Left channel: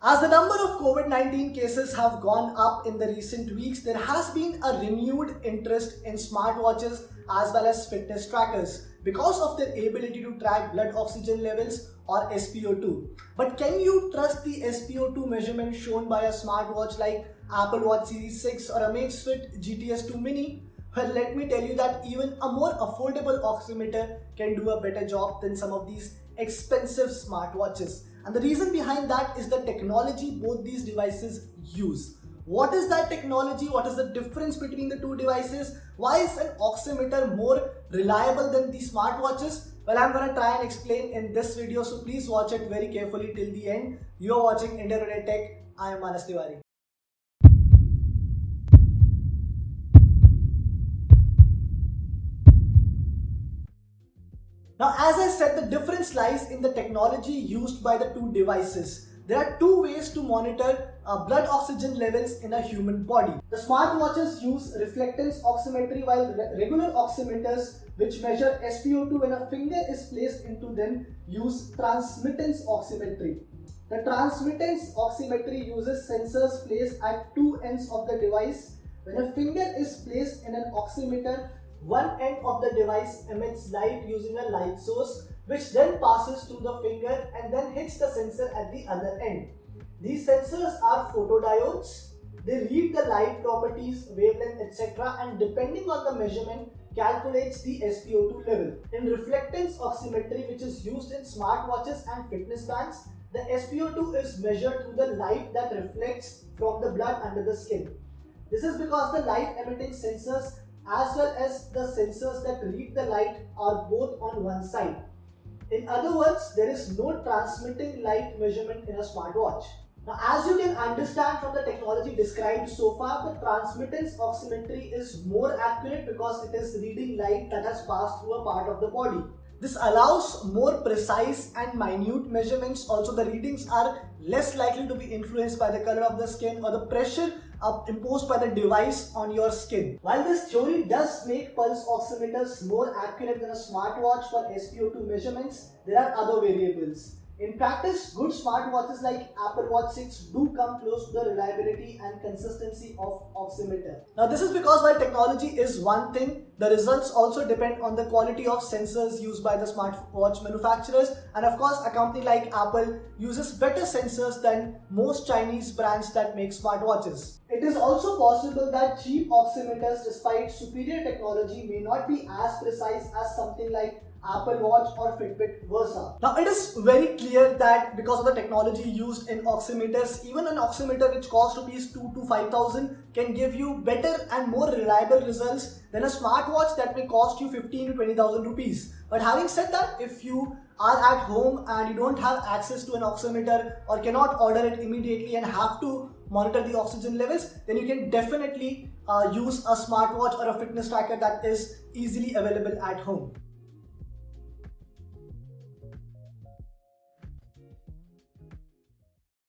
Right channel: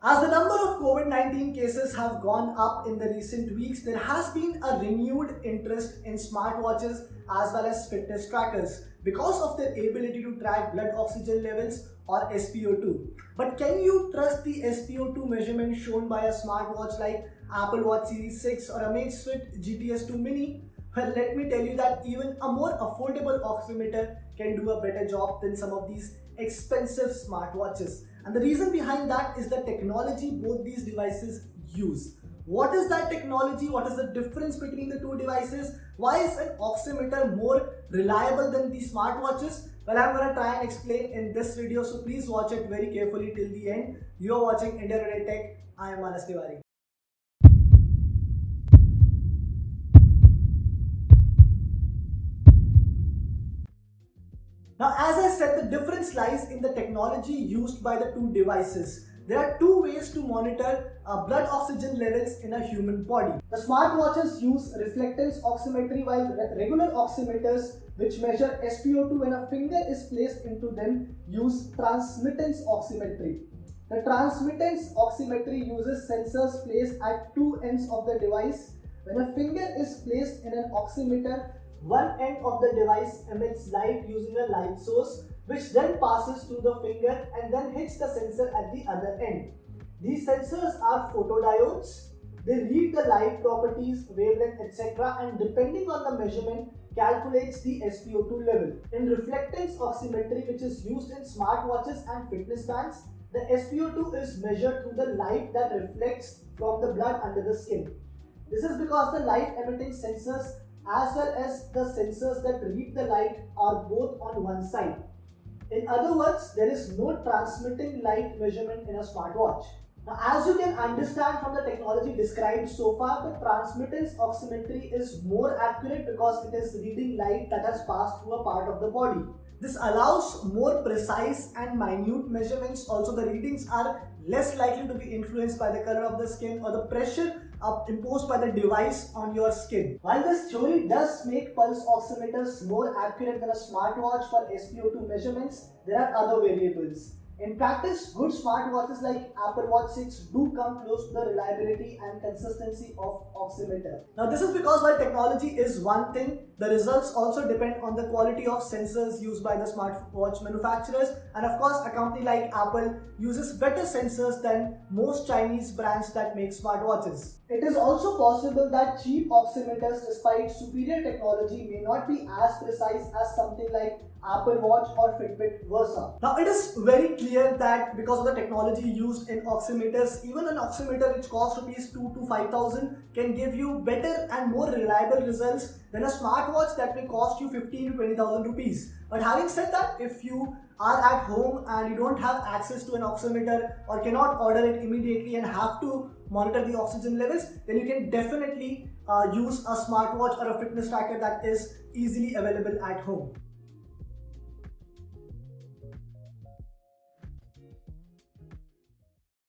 As the number of COVID-19 cases have gone up in the recent weeks, there has been a renewed interest in smartwatches as well as fitness trackers because of their ability to track blood oxygen levels or SpO2. But can you trust the SpO2 measurement shown by a smartwatch like Apple Watch Series 6 or Amazfit GTS 2 Mini? Well, let me tell you that even a more affordable oximeter can do a better job than some of these expensive smartwatches. And the reason behind that is the technology both these devices use. What is that technology? What is the difference between the two devices? Why is an oximeter more reliable than the smartwatches? Well, I'm going to try and explain in this video, so please watch it very carefully till the end. You're watching India Today Tech. I am Manas Tiwari. Now, as I said, the difference lies in the technology used by the two devices. There are two ways to monitor blood oxygen levels in a human body. The smartwatches use reflectance oximetry, while regular oximeters, which measure SpO2 when a finger is placed into them, use transmittance oximetry. The transmittance oximetry uses sensors placed at two ends of the device. When a finger is placed in an oximeter, one end of the device emits light using a light source, which then passes through the finger and then hits the sensor at the other end. These sensors are photodiodes. They read the light properties, wavelength, etc., and depending on the measurement, calculates the SpO2 level. In reflectance oximetry, which is used in smartwatches and fitness bands, the SpO2 is measured through the light that reflects from the blood under the skin. This is because the light emitting sensors as well as the sensors that read the light are both on one side. In other words, there is no transmitting light measurement in a smartwatch. Now, as you can understand from the technology described so far, the transmittance oximetry is more accurate because it is reading light that has passed through a part of the body. This allows more precise and minute measurements. Also, the readings are less likely to be influenced by the color of the skin or the pressure imposed by the device on your skin. While this theory does make pulse oximeters more accurate than a smartwatch for SpO2 measurements, there are other variables. In practice, good smartwatches like Apple Watch 6 do come close to the reliability and consistency of oximeter. Now, this is because while technology is one thing, the results also depend on the quality of sensors used by the smartwatch manufacturers, and of course, a company like Apple uses better sensors than most Chinese brands that make smartwatches. It is also possible that cheap oximeters, despite superior technology, may not be as precise as something like Apple Watch or Fitbit Versa. Now, it is very clear that because of the technology used in oximeters, even an oximeter which costs rupees 2 to 5,000 can give you better and more reliable results than a smartwatch that may cost you 15 to 20,000 rupees. But having said that, if you are at home and you don't have access to an oximeter or cannot order it immediately and have to monitor the oxygen levels, then you can definitely use a smartwatch or a fitness tracker that is easily available at home.